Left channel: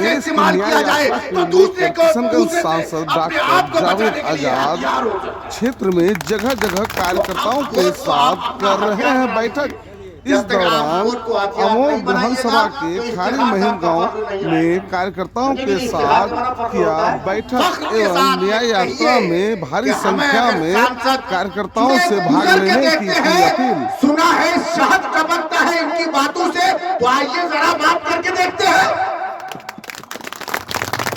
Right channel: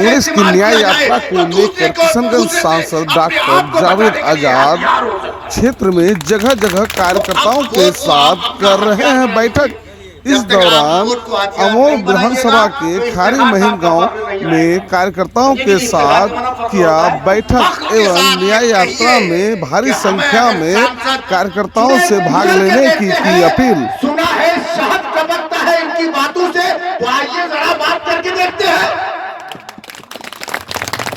कांग्रेस की न्याय यात्रा को लेकर किशनगंज सांसद डॉक्टर जावेद आजाद क्षेत्र में जगह जगह कार्यकर्ताओं के साथ कर रहे हैं बैठक। इस दौरान अमोर विधानसभा के खारी महिम गांव में कार्यकर्ताओं के साथ किया बैठक एवं न्याय यात्रा में भारी संख्या में कार्यकर्ताओं से भाग लेने की अपील। सुना है शहद टपकता है इनकी बातों से, तो आइए जरा बात करके देखते हैं।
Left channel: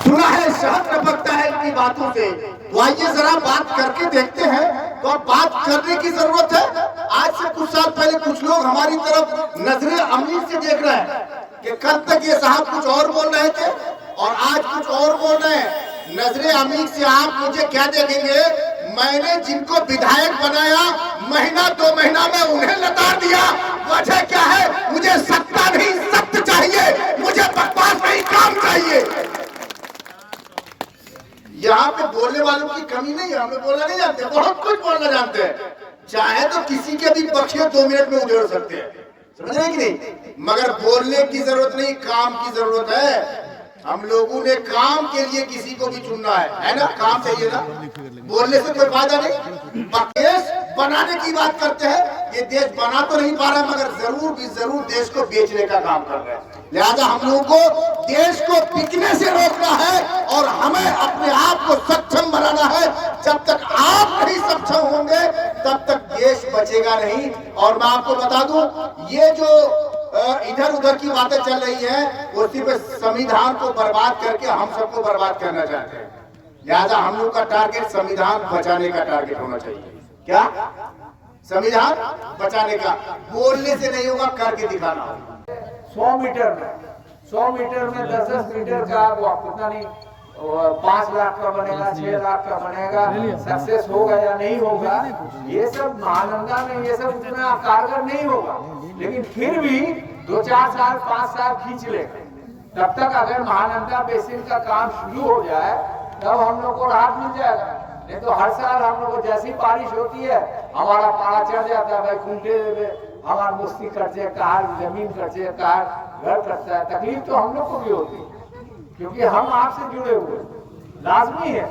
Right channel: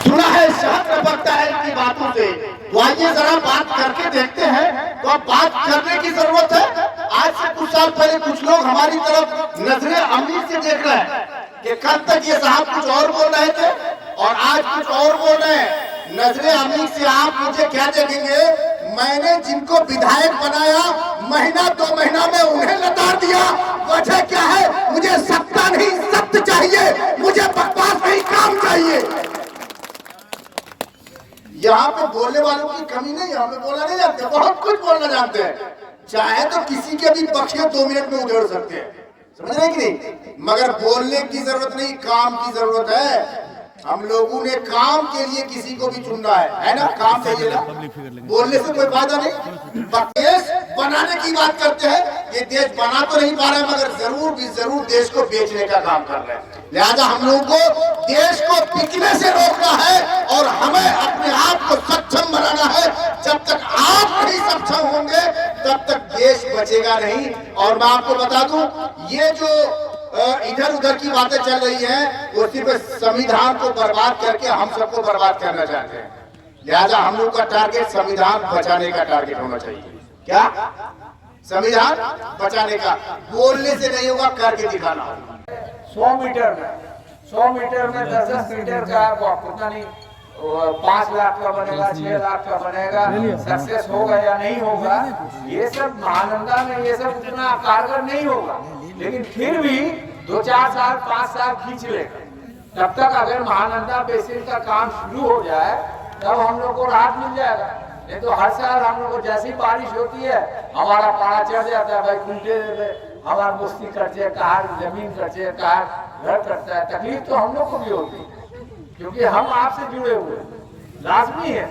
सुना है शहद टपकता है इनकी बातों से, तो आइए जरा बात करके देखते हैं। तो अब बात करने की जरूरत है। आज से कुछ साल पहले कुछ लोग हमारी तरफ नजरे अमीर से देख रहे हैं कि कल तक ये साहब कुछ और बोल रहे थे और आज कुछ और बोल रहे हैं। नजरे अमीर से आप मुझे क्या देखेंगे? मैंने जिनको विधायक बनाया महीना 2 महीना में उन्हें लताड़ दिया। वजह क्या है? मुझे सत्ता नहीं सत्य चाहिए, मुझे बकवास नहीं काम चाहिए। यहाँ पे बोलने वालों की कमी नहीं, यहाँ पे बोलना नहीं जानते, बहुत कुछ बोलना जानते हैं। चाहे तो किसी के भी पक्ष में 2 मिनट में उधेड़ सकते हैं, समझ रहे कि नहीं? मगर बोलने की जरूरत नहीं, काम की जरूरत है। हम लोगों ने काम के लिए किसी को भी चुनना है ना? काम चाहिए ना, बोलने से कोई फायदा नहीं। देश बनाने की बात करते हैं, ये देश बना तो नहीं पा रहा मगर जरूर देश को बेचने का काम कर रहे हैं। लिहाजा हम लोगों को देश को बिकने से रोकना है और हमें अपने आप को सक्षम बनाना है। जब तक आप नहीं सक्षम होंगे तब तक देश बचेगा नहीं। और मैं आपको बता दूं, ये जो इधर उधर की बातें चल रही हैं, वो सिर्फ संविधान को बर्बाद करके हम सबको बर्बाद करना चाहते हैं। लिहाजा हम लोग का टारगेट संविधान बचाने का टारगेट होना चाहिए। क्या? संविधान बचाने का। बोलने से नहीं होगा, करके दिखाना होगा। 100 मीटर में 10-10 मीटर का कितना नहीं, 5 लाख का बनेगा, 6 लाख का बनेगा, सक्सेस होगा या नहीं होगा, ये सब महानंदा में ये सब इतना कारगर नहीं होगा। लेकिन फिर भी 2-4 साल 5 साल खींच ले, तब तक अगर महानंदा बेसिन का काम शुरू हो जाए तब हम लोग को राहत मिल जाएगा। नहीं तो हर साल हम लोग को जैसी बारिश होती है हमारा पारा चढ़ जाता है। भाई कुंटे हमारा मुस्ती कटे, कहा जमीन कटे, कहा घर कटता है। तकलीफ तो हम लोग को भी होगी क्योंकि हम आपसे जुड़े हुए लाजमी है।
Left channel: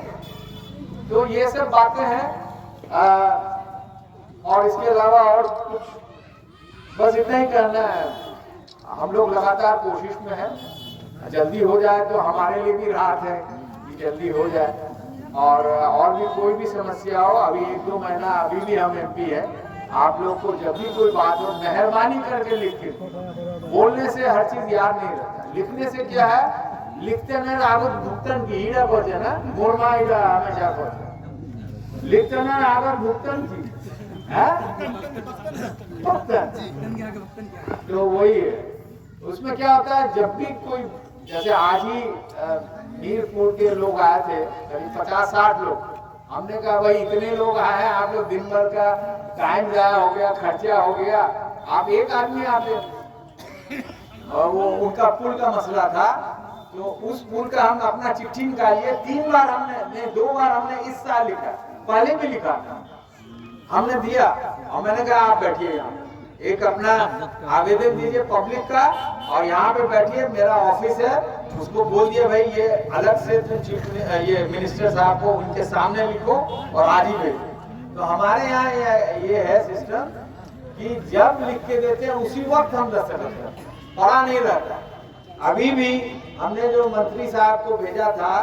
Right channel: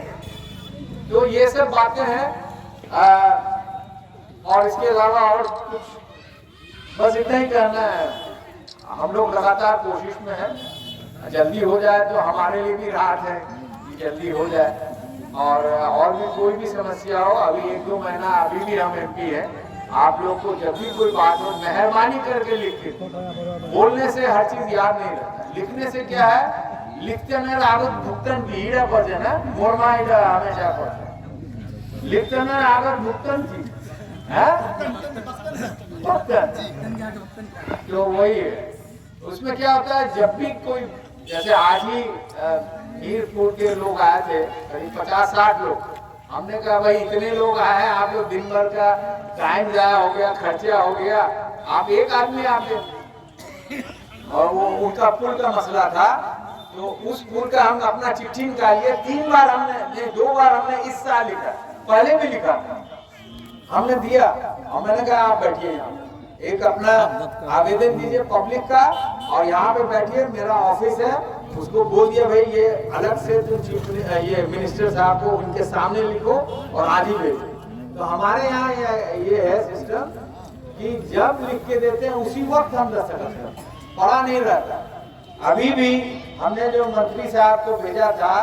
तो ये सब बातें हैं और इसके अलावा और कुछ बस इतना ही करना है। हम लोग लगातार कोशिश में है, जल्दी हो जाए तो हमारे लिए भी राहत है कि जल्दी हो जाए। और भी कोई भी समस्या हो, अभी 1-2 महीना अभी भी हम MP है। आप लोग को जब भी कोई बात हो मेहरबानी करके लिख, बोलने से हर चीज याद नहीं रहता। लिखने से क्या है, लिखते न आगत भुगतन की हीरा बचे ना मोरमा हमेशा को लिखते न आगत भुगतन की तो वही है। उसमें क्या होता है, जब भी कोई, जैसे आज ही मीरपुर के लोग आए थे करीब 50-60 लोग। हमने कहा भाई इतने लोग आए हैं, आप लोग दिन भर का टाइम जाया हो गया, खर्चा हो गया, आप एक आदमी आते। और वो उनका पुल का मसला था, तो उस पुल का हम अपना चिट्ठी निकालिए। 2 बार हमने इस साल लिखा, पहले भी लिखा हमने दिया। और मैंने कहा आप बैठिए यहाँ, एक अपना आवेदन दीजिए पब्लिक का और यहाँ पे बैठिए, मेरा ऑफिस है। उसको बोल दिया भाई ये अलग से तुम ये मिनिस्टर साहब को उनके सामने लिखो और आज ही भेजो। तो हमारे यहाँ ये है सिस्टम कि जब लिख के देते हैं उसी वक्त हम दस्तखत करते, पढ़ा नहीं रहता। अभी भी हमने जो मंत्री साहब को भेजा था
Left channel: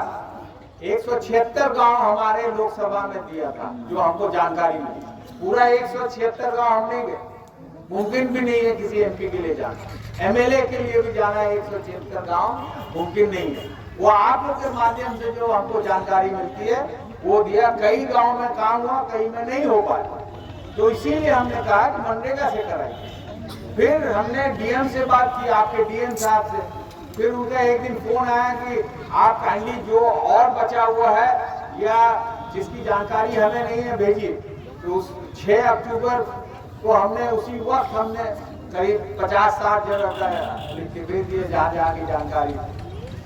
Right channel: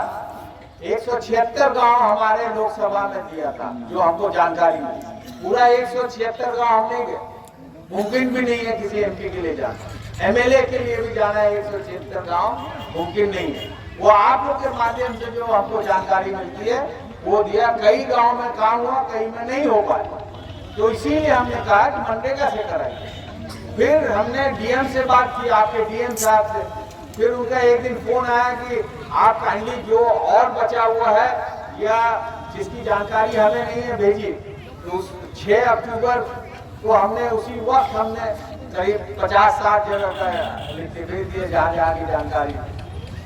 176 गांव हमारे लोकसभा में दिया था, जो हमको जानकारी मिली। पूरा 176 गांव हम नहीं गए, मुमकिन भी नहीं है किसी MP के लिए जाना। MLA के लिए भी जाना है 176 गांव मुमकिन नहीं है। वो आप लोग के माध्यम से जो हमको जानकारी मिलती है वो दिया। कई गांव में काम हुआ, कई में नहीं हो पाया। तो इसीलिए हमने कहा कि मनरेगा से कराइए। फिर हमने DM से बात की, आपके DM साहब से। फिर उनका एक दिन फोन आया कि आप काइंडली जो और बचा हुआ है या जिसकी जानकारी हमें नहीं है भेजिए। तो 6 अक्टूबर को हमने उसी वक्त हमने करीब 50-60 जगह का लिख के भेज दिए जहाँ की जानकारी।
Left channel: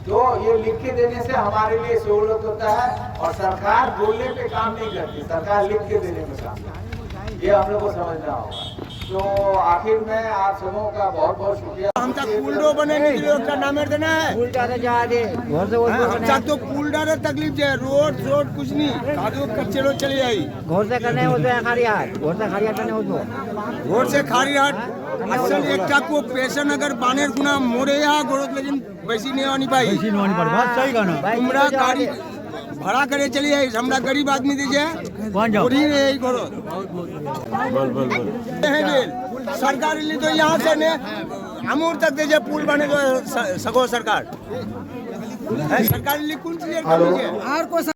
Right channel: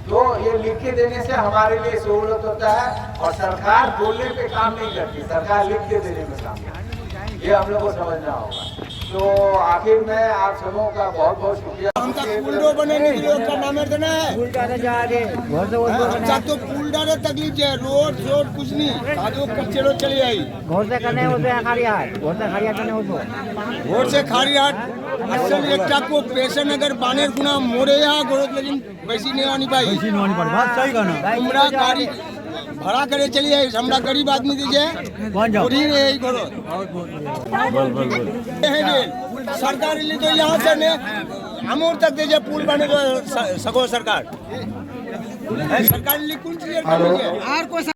तो ये लिख के देने से हमारे लिए सहूलत होता है और सरकार बोलने पे काम नहीं करती, सरकार लिख के देने में काम करती है। ये हम लोग को समझना होगा। तो आखिर में आप सबों का बहुत बहुत शुक्रिया। आमचा पुलडो बने का नामेर देना है आमचा तो पुलडार तकलीफ है रोड रोड कुछ नहीं कादो कच्चे रोड चली आई घोर से करने होते हैं खारियात घोर से खारियात करने होतो रोड से खारी हाट असल एक को पेशन अगर बानेर गुना मोरे या गोरत लेकिन वैसी नहीं आनी पाई बात सही कहना हमरा गाड़ी भाड़ा करे चली आई हमरा गरीब आदमी दीजिए पूरी यही करो सरकार लिए तो यहाँ से ने अमूर तक दीजिए पुल बने तो सगो सरकार सरकार लिए कौन चीज